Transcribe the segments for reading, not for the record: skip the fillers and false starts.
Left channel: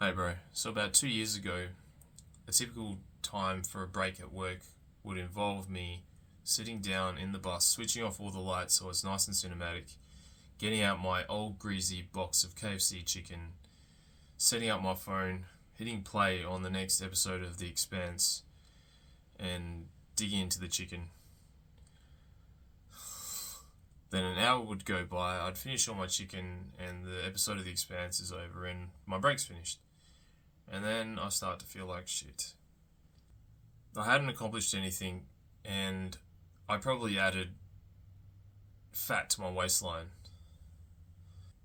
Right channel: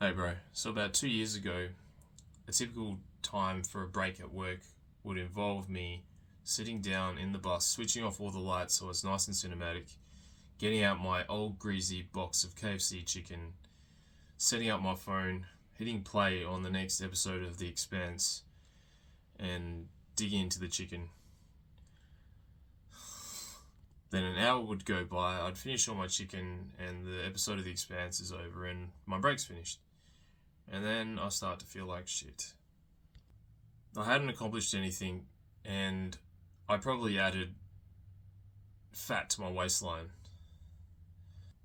Hey bro, so about 2 years ago, a typical time for a break at work would involve me sitting down in the bus, switching off all the lights so it's nice and cinematic, getting out my old greasy box of KFC chicken, setting up my phone, hitting play on the next episode of The Expanse, and digging into the chicken. Then an hour would go by, I'd finish all my chicken, and the episode of The Expanse is over, and my break's finished. And then I start to feel like shit. I hadn't accomplished anything, and I probably added fat to my waistline.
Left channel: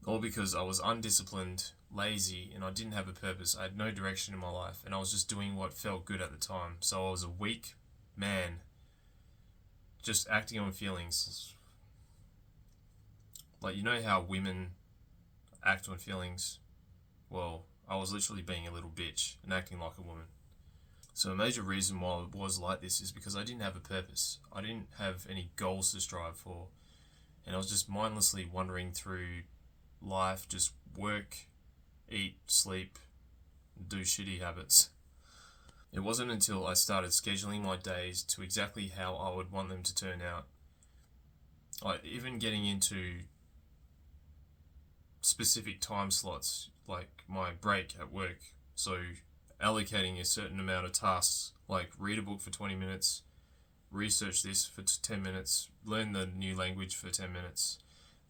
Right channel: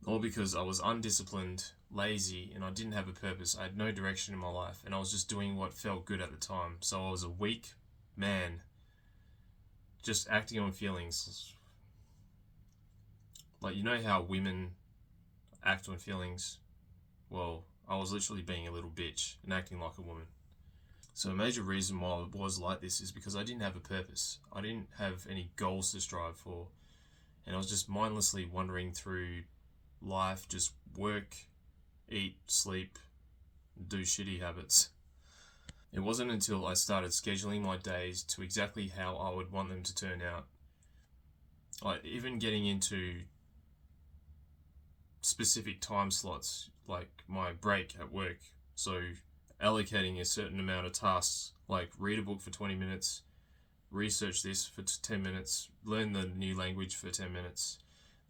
All because I was undisciplined, lazy, and I didn't have a purpose. I had no direction in my life, and I was just doing what felt good at the time. So I was a weak man, just acting on feelings. Like, you know how women act on feelings? Well, I was literally being a little bitch and acting like a woman. So a major reason why I was like this is because I didn't have a purpose. I didn't have any goals to strive for. And I was just mindlessly wandering through life, just work, eat, sleep, do shitty habits. It wasn't until I started scheduling my days to exactly how I would want them to turn out, like even getting into specific time slots, like my break at work. So allocating a certain amount of tasks, like read a book for 20 minutes, research this for 10 minutes, learn the new language for 10 minutes,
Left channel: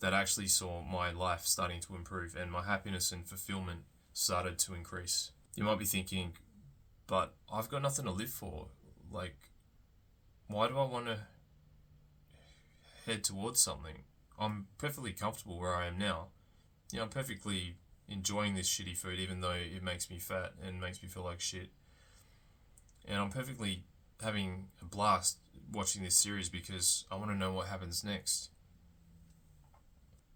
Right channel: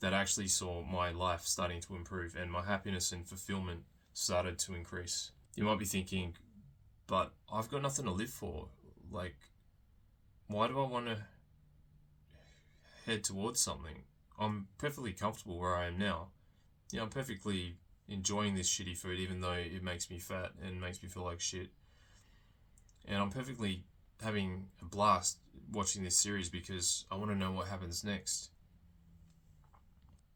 that actually saw my life starting to improve and my happiness and fulfillment started to increase. You might be thinking, but I've got nothing to live for. Like, why do I want to head towards something? I'm perfectly comfortable where I am now. I'm perfectly enjoying this shitty food, even though it makes me fat and makes me feel like shit. And I'm perfectly having a blast watching this series because I want to know what happens next.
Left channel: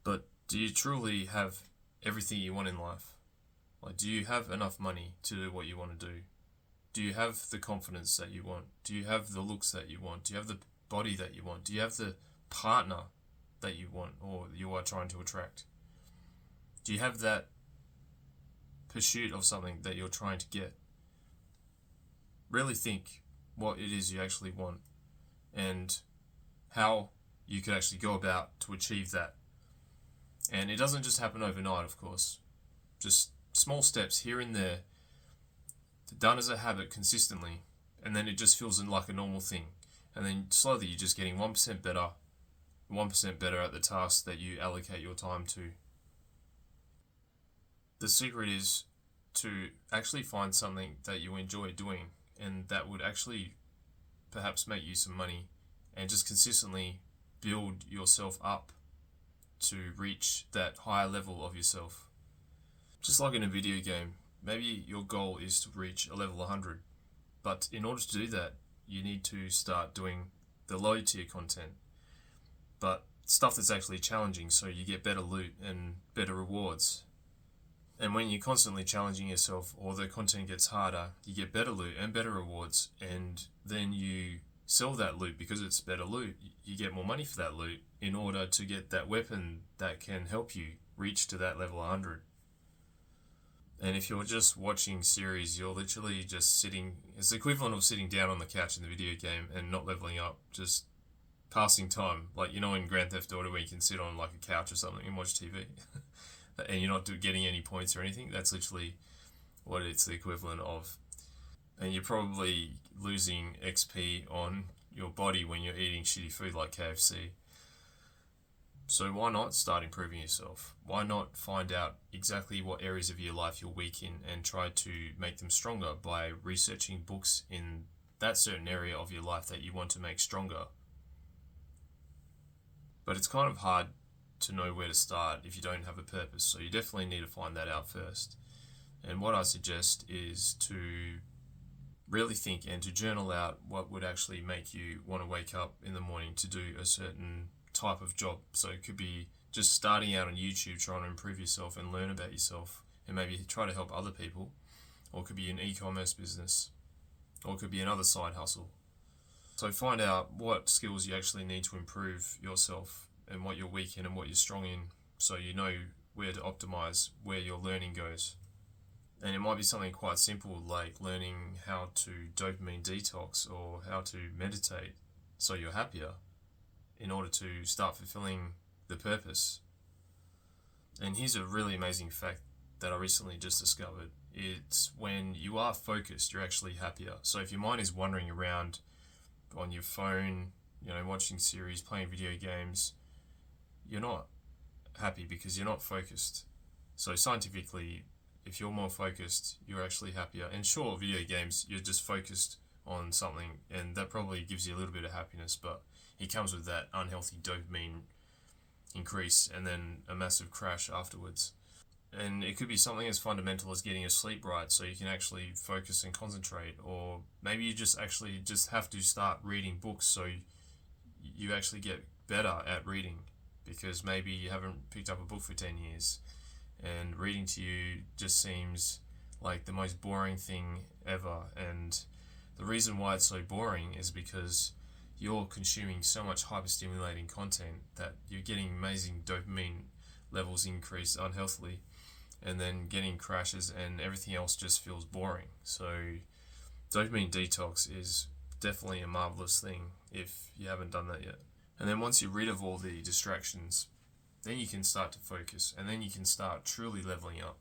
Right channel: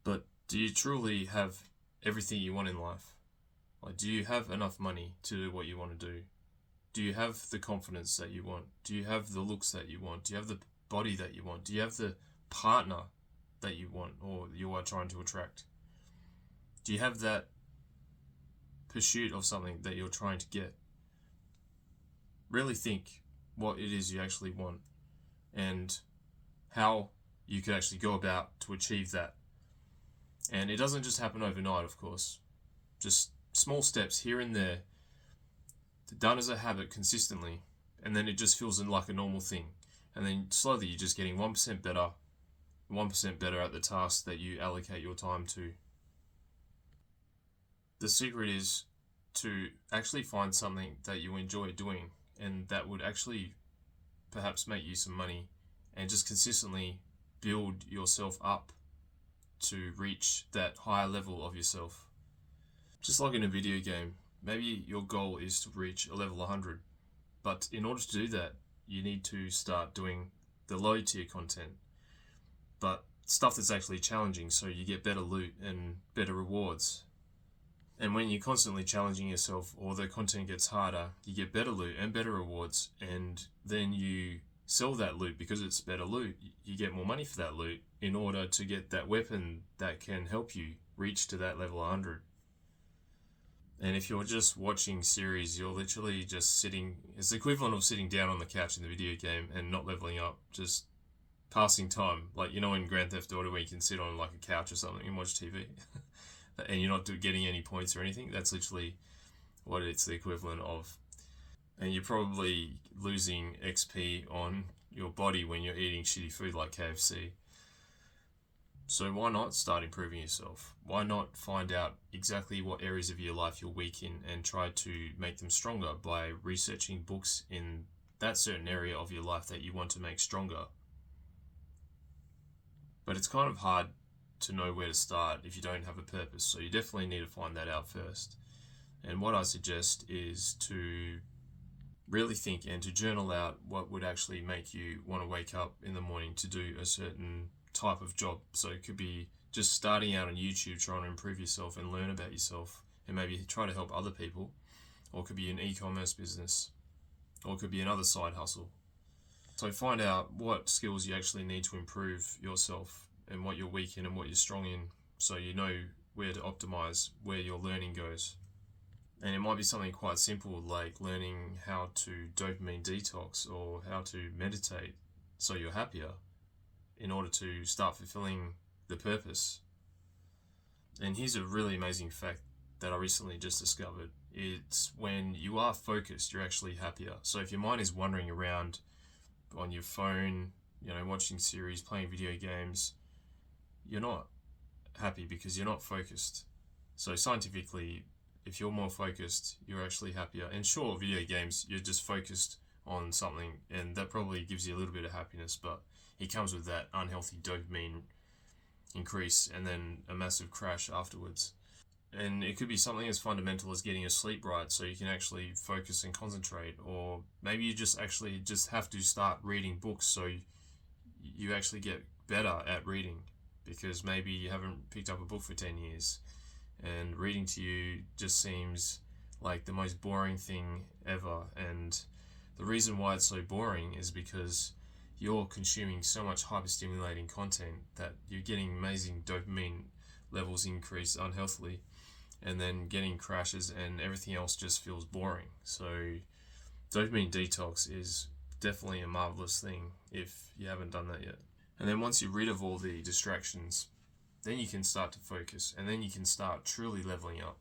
But do you truly have everything you want in life? Like, do you have enough money to do what you want to do? Do you have the confidence that you want? Do you have the looks that you want? Do you have the body that you want? Do you have the partner that you want or you are trying to attract? Do you have that pursuit of something that you're trying to get? Really think what it is you actually want and how you could actually go about to achieve that. And it doesn't just happen overnight, of course. Just small steps here and there, done as a habit consistently, and then it just feels like a normal thing. And then slowly you're just getting 1% better, 1% better at the task that you allocate your time to. The secret is to actually find something that you enjoy doing and that would actually perhaps make you some money, and just consistently build yourself up to reach that higher level of yourself. Just like in a video game, maybe your goal is to reach a level 100, but in order to do that, you need to start doing the low tier content, but stuff that's actually challenging so you get better loot and better rewards. And when you're constantly challenging yourself or the content gets harder, you get better loot and better rewards, and then you sell that loot because it's better loot. You get more money for that loot in order to get that weapon that can help you reach to that level 100. And if you're just watching series, you're literally just sitting, it's the equivalent of sitting down on the couch in the video game and not leveling up, just passing time. Like, in Grand Theft Auto where you can sit on like a couch or something and watch TV. And you're not getting any points or anything. That's literally what it's the equivalent of. And you're probably losing XP on your body when you're eating shitty food like KFC. So why not start improving yourself? Why not find out exactly what areas of your life you're weak in and try to make them stronger by researching books in that certain area of your life that you want to make stronger? But it's kind of hard to know where to start if you don't have a purpose, so you definitely need to find that out first. And what I suggest is to really think and to journal out what would actually make you want to wake up in the morning to do a certain type of job. So it could be just starting out on YouTube, trying to improve yourself and learn about yourself and maybe try to help other people, or it could be an e-commerce business, or it could be another side hustle. So find out what skills you actually need to improve yourself and what you're weak in and what you're strong in, so you know where to optimize where your learning goes. And it might be something quite simple like learning how to dopamine detox or how to meditate so you're happier in order to start fulfilling the purpose. And here's a really amazing fact that I recently just discovered. It's when you are focused, you're actually happier. So if your mind is wandering around on your phone, watching series, playing video games, you're not happy because you're not focused. So scientifically, if you're more focused, you're actually happier. And sure, video games, you're just focused on something, and that probably gives you a little bit of happiness, but it comes with that unhealthy dopamine increase and then a massive crash afterwards. And it could be something as fundamental as getting your sleep right so you can actually focus and concentrate, or maybe you just have to start reading books so you actually get better at reading, because maybe you haven't picked up a book for 10 years and reading to you just seems like the most boring thing ever. And the reason why it's so boring is because you're consuming so much hyper-stimulating content that you're getting amazing dopamine levels increase unhealthily, and then getting crashes and everything else just feels boring. So dopamine detox is definitely a marvelous thing if you haven't done that yet. And then once you're rid of all the distractions, then you can start to focus, and then you can start truly leveling up.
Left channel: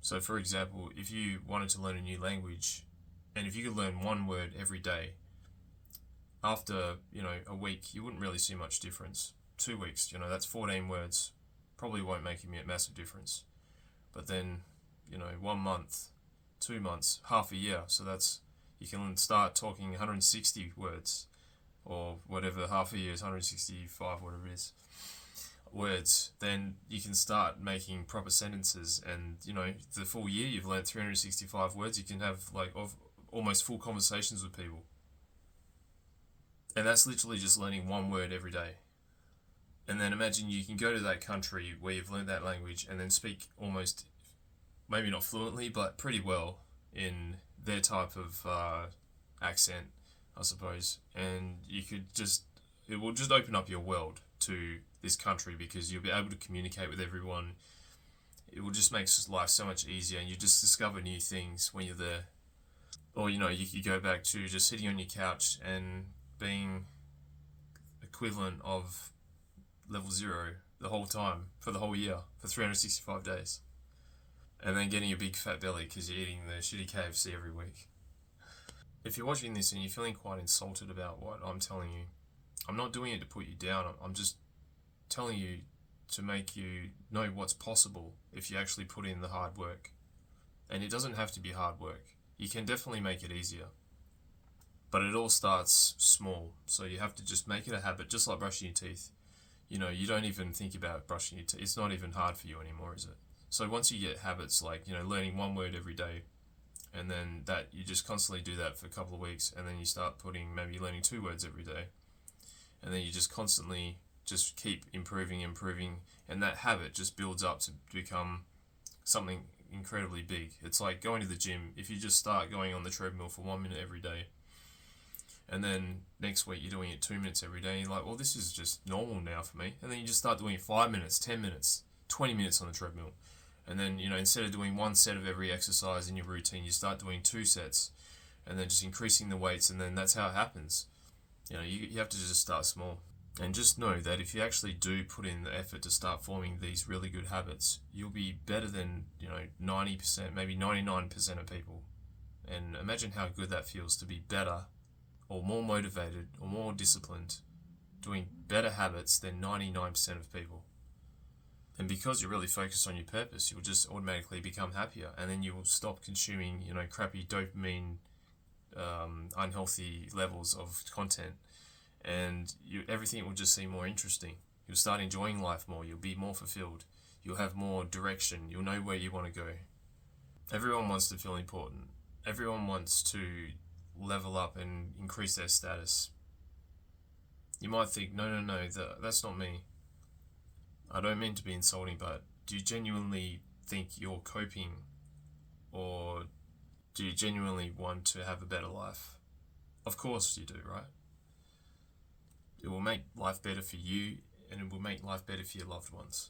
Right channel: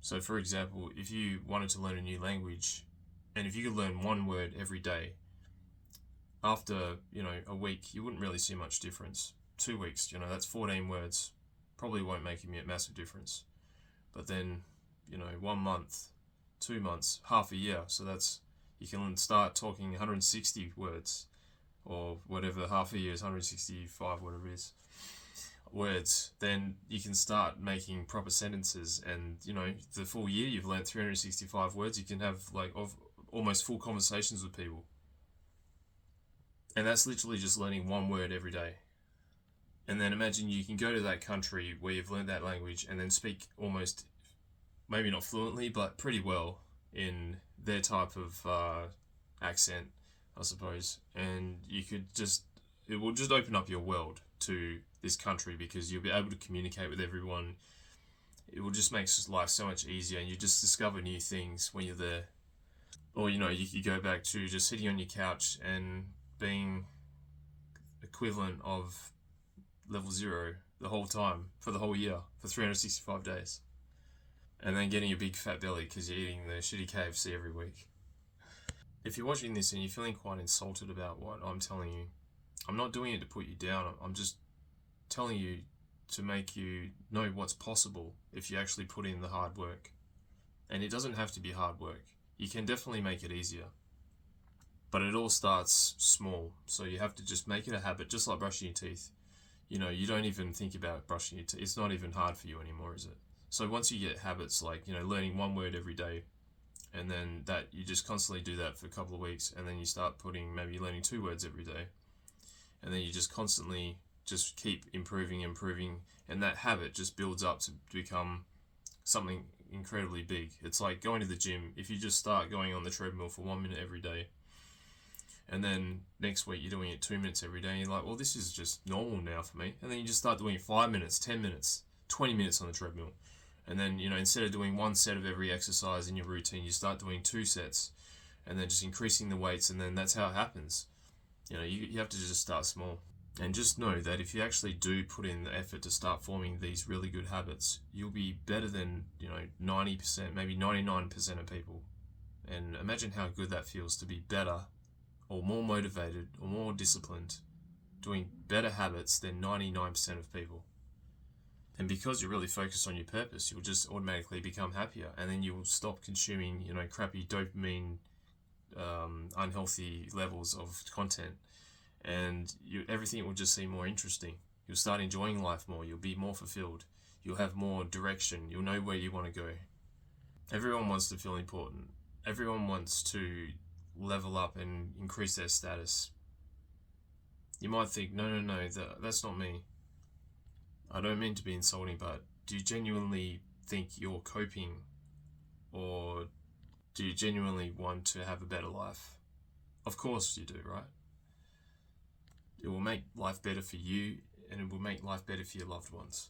So for example, if you wanted to learn a new language, and if you could learn one word every day, after a week you wouldn't really see much difference. 2 weeks, that's 14 words, probably won't make a massive difference. But then 1 month, 2 months, half a year, so that's, you can start talking 160 words, or whatever half a year is, 165, whatever it is, words. Then you can start making proper sentences, and the full year you've learned 365 words. You can have almost full conversations with people. And that's literally just learning one word every day. And then imagine you can go to that country where you've learned that language and then speak almost, maybe not fluently, but pretty well in their type of accent, I suppose. And it will just open up your world to this country, because you'll be able to communicate with everyone. It will just make life so much easier, and you just discover new things when you're there. Or you could go back to just sitting on your couch and being equivalent of level 0 the whole time for the whole year for 365 days, and then getting a big fat belly because you're eating the shitty KFC every week. If you're watching this and you're feeling quite insulted about what I'm telling you, I'm not doing it to put you down. I'm just telling you to make you know what's possible if you actually put in the hard work. And it doesn't have to be hard work. You can definitely make it easier. But it all starts small, so you have to just make it a habit, just like brushing your teeth. You don't even think about brushing your teeth. It's not even hard for you anymore, is it? So once you get habits like, learning one word every day, and then that you just constantly do that for a couple of weeks, and then you start maybe learning 2 words every day, and then you just constantly just keep improving, and that habit just builds up to become something incredibly big. It's like going to the gym. If you just start going on the treadmill for 1 minute every day, and then next week you're doing it 2 minutes every day, and you're like, well, this is just normal now for me. And then you just start doing 5 minutes, 10 minutes, 20 minutes on the treadmill. And then, instead of doing 1 set of every exercise in your routine, you start doing 2 sets, and then just increasing the weights, and then that's how it happens. You have to just start small. And just know that if you actually do put in the effort to start forming these really good habits, you'll be better than, 90%, maybe 99% of people. And imagine how good that feels to be better, or more motivated, or more disciplined, doing better habits than 99% of people. And because you're really focused on your purpose, you'll just automatically become happier, and then you will stop consuming, crappy dopamine, unhealthy levels of content, and everything will just seem more interesting. You'll start enjoying life more. You'll be more fulfilled. You'll have more direction. You'll know where you want to go. Everyone wants to feel important. Everyone wants to level up and increase their status. You might think, no, that's not me. I don't mean to be insulting, but do you genuinely think you're coping, or do you genuinely want to have a better life? Of course you do, right? It will make life better for you, and it will make life better for your loved ones.